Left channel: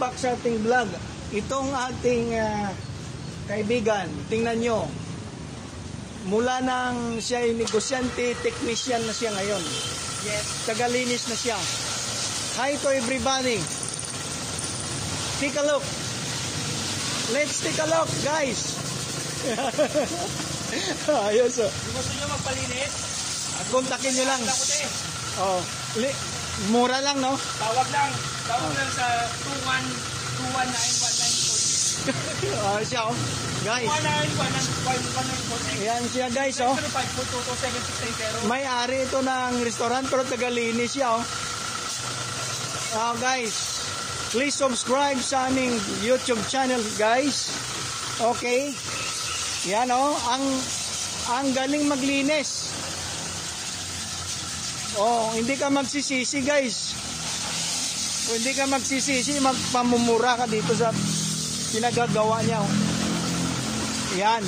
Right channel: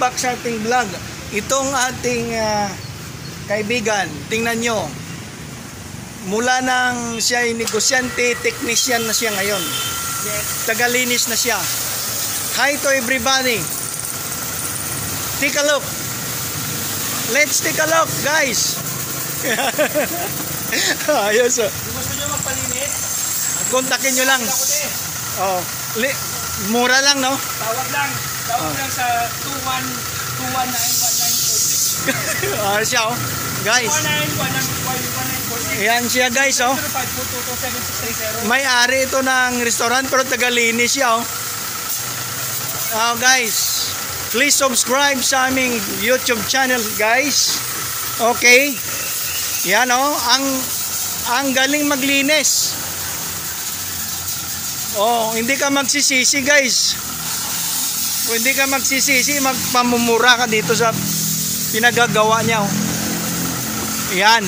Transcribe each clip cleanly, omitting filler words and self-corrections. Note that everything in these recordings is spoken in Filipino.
back sa ating vlog. Itong ating kaibigan, tingnan nyo. Mula nang siya ay negosyante, technician na siya ngayon. Tagalinis na siya. Hi to everybody. Take a look. Let's take a look, guys. Ayos. Gusto nyo magpalinis? Kontakin nyo lang. Oh, mura lang, no? Tawag lang sa 2191946. Siya, oh. Guys. 2191946. Ayan siya, guys, oh. May-ari ito ng restaurant pero tagalinis siya, oh. Guys, please subscribe sa aming YouTube channel, guys. Okay. Yan, oh. Ang galing maglinis. Oh, hindi ka magsisisi, guys. Kung hindi ka magsisisi, magpamumura ka dito sa pinagagawa niya, oh. Yan.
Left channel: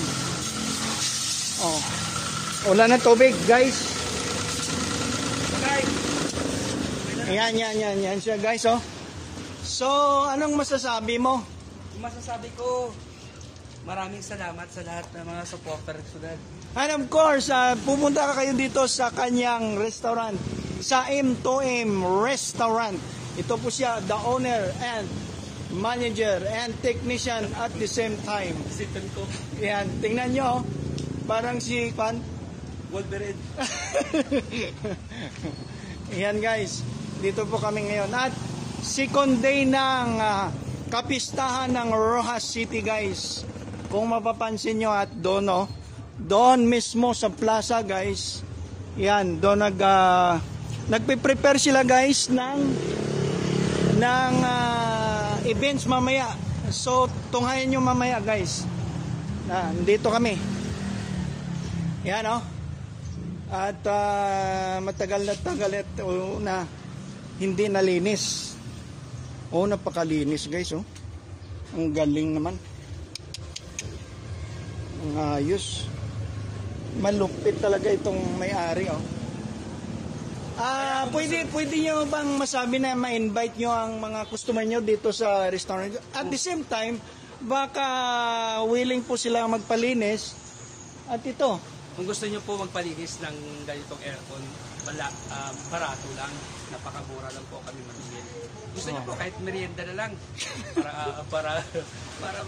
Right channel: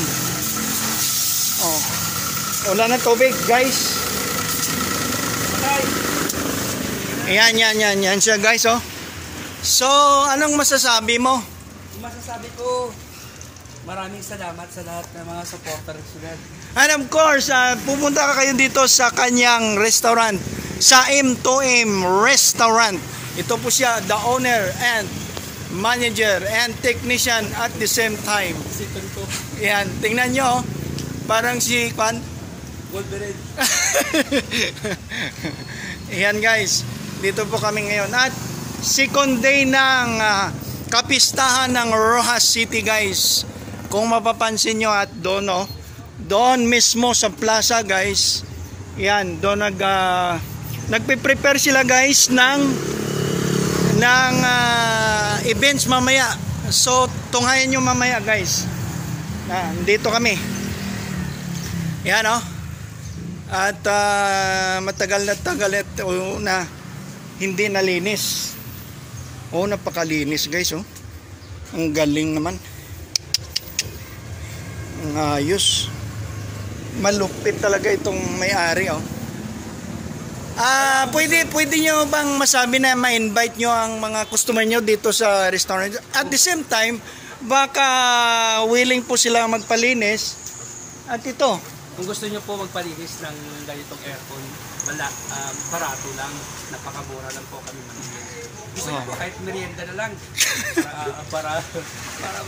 Oh. Wala na tubig, guys. Yan siya, guys, oh. So, anong masasabi mo? Masasabi ko, maraming salamat sa lahat ng mga supporters nila. And of course, pupunta ka kayo dito sa kanyang restaurant, sa M2M Restaurant. Ito po siya, the owner and manager and technician at the same time. Yan, tingnan nyo, parang si Kwan Wolverine. Yan, guys, dito po kami ngayon at second day ng kapistahan ng Rojas City, guys. Kung mapapansin nyo at doon, oh, doon mismo sa plaza, guys. Yan, doon nagpe-prepare sila, guys, ng events mamaya. So, tunghayan nyo mamaya, guys. Dito kami. Yan, oh. At matagal na hindi nalinis. Oh, napakalinis, guys, oh. Ang galing naman. Ang ayos. Malupit talaga itong may-ari, oh. Pwede nyo bang masabi na ma-invite nyo ang mga customer nyo dito sa restaurant? At the same time, baka willing po sila magpalinis. At ito, kung gusto nyo po magpalinis ng ganitong aircon, barato lang, napakamura lang po kami malinis. Gusto nyo po kahit merienda na lang para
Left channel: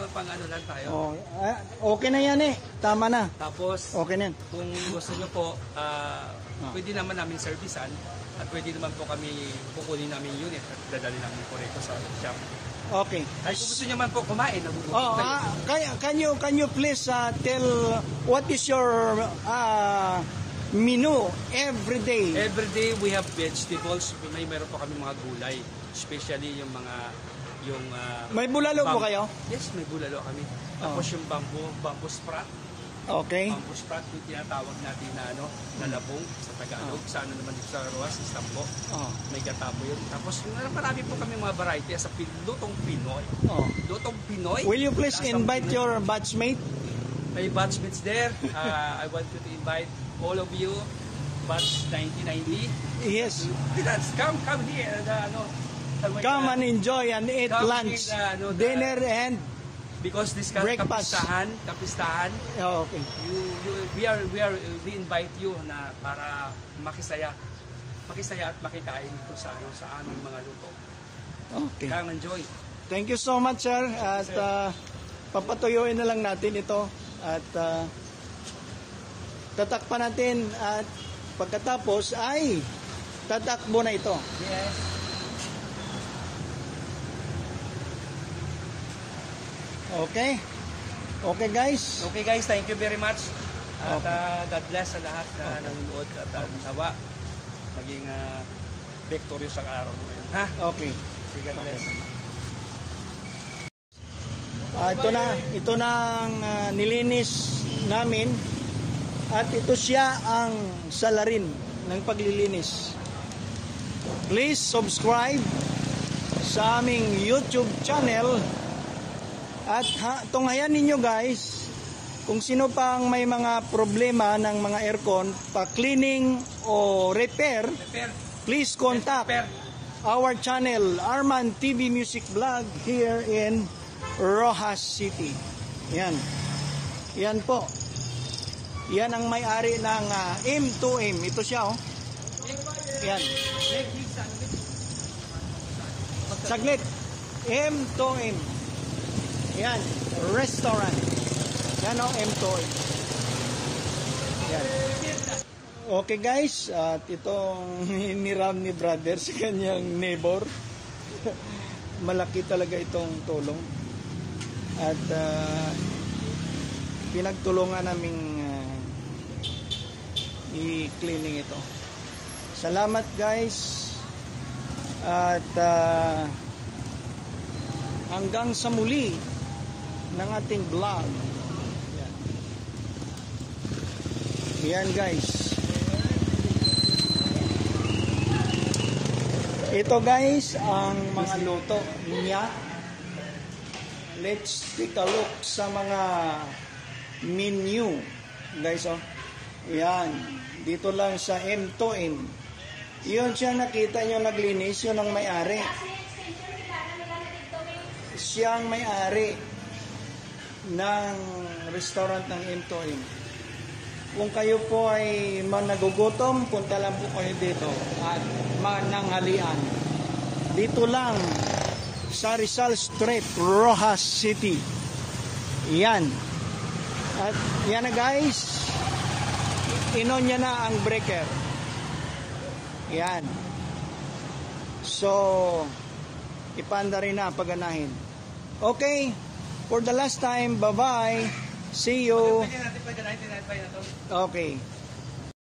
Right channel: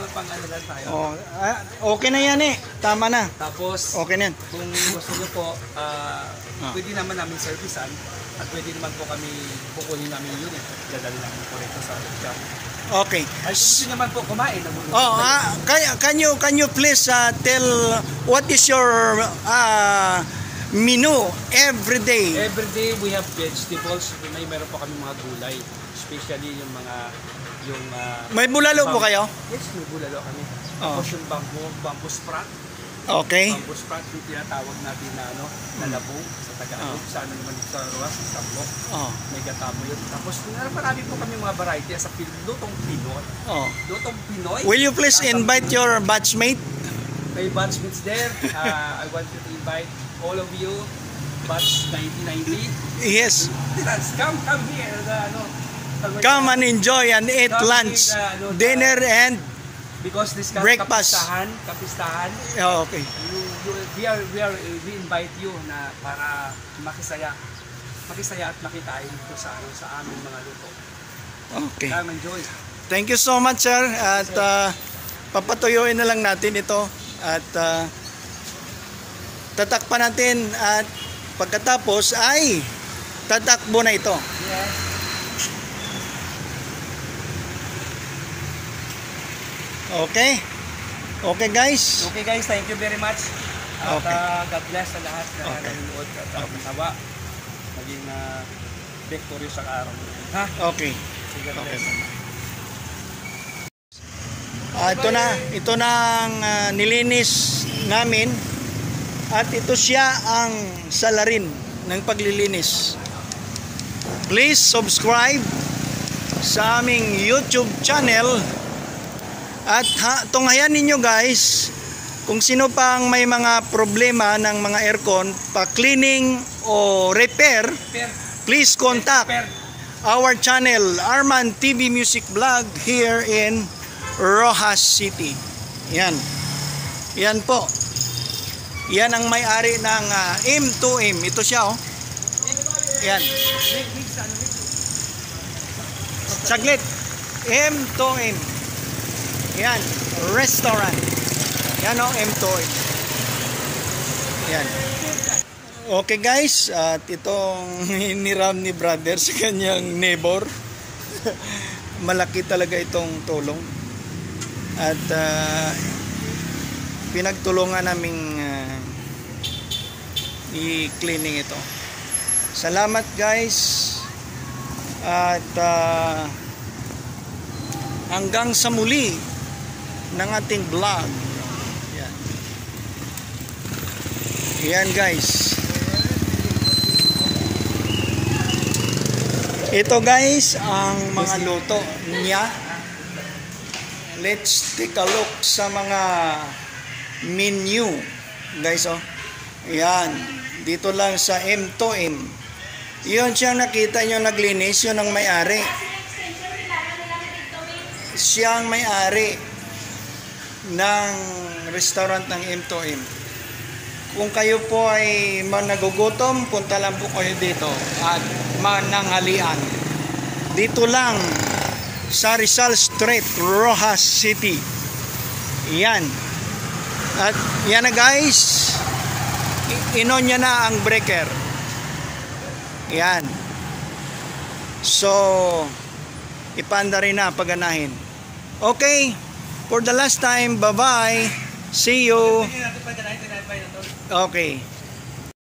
mapang-ano lang tayo. Okay na yan, eh. Tama na. Tapos, okay na yan. Kung gusto nyo po, pwede naman namin servicean at pwede naman po kami kukunin namin yung unit. Dadali namin po rito sa shop. Okay. Ay, gusto naman po kumain. Can you please tell what is your menu every day? Every day we have vegetables. Meron po kami mga gulay. Especially yung mga may bulalo po kayo? Yes, may bulalo kami. Tapos yung bamboo sprout. Okay. Bamboo sprout yung tinatawag natin na labong sa Tagalog. Sa Rojas, sa Tambo. May gatabo yun. Tapos marami po kami mga variety sa lutong Pinoy. Lutong Pinoy. Will you please invite your batchmate? May batchmates there. I want to invite all of you. Batch 1990. Yes. Come here. Come and enjoy and eat lunch, dinner and because this breakfast. Kapistahan. Okay. We invite you na para makisaya at makikain dito sa aming mga luto. Okay. Come enjoy. Thank you so much, sir. At papatuyuin na lang natin ito at tatakpan natin at pagkatapos ay tatakbo na ito. Yes. Okay. Okay, guys. Okay, guys. Thank you very much. At God bless sa lahat na nanonood at nawa. Maging victory sa araw. Ha? Okay. Okay. Ito na ang nilinis namin at ito siya ang salarin ng paglilinis. Please subscribe sa aming YouTube channel. At tunghayan ninyo, guys, kung sino pang may mga problema ng mga aircon, pa-cleaning o repair, please contact our channel, Arman TV Music Vlog here in Rojas City. Yan. Yan po. Yan ang may-ari ng M2M. Ito siya, oh. Yan. Saglit. M2M. Yan. Restaurant. Yan, oh, M2M. Yan. Okay guys, at itong hiniram ni brother sa kanyang neighbor. Malaki talaga itong tulong. At pinagtulungan naming i-cleaning ito. Salamat guys. At hanggang sa muli ng ating vlog. Yan. Yan guys. Ito guys, ang mga luto niya. Let's take a look sa mga menu. Guys, oh. Yan. Dito lang sa M2M. Yun siya nakita nyo naglinis. Yun ang may-ari. Siya ang may-ari ng restaurant ng M2M. Kung kayo po ay nagugutom, punta lang po kayo dito at mananghalian. Dito lang sa Rizal Street, Rojas City. Yan. At yan na guys. Inon niya na ang breaker. Yan. So, ipanda rin na paganahin. Okay. For the last time, bye-bye. See you. Okay.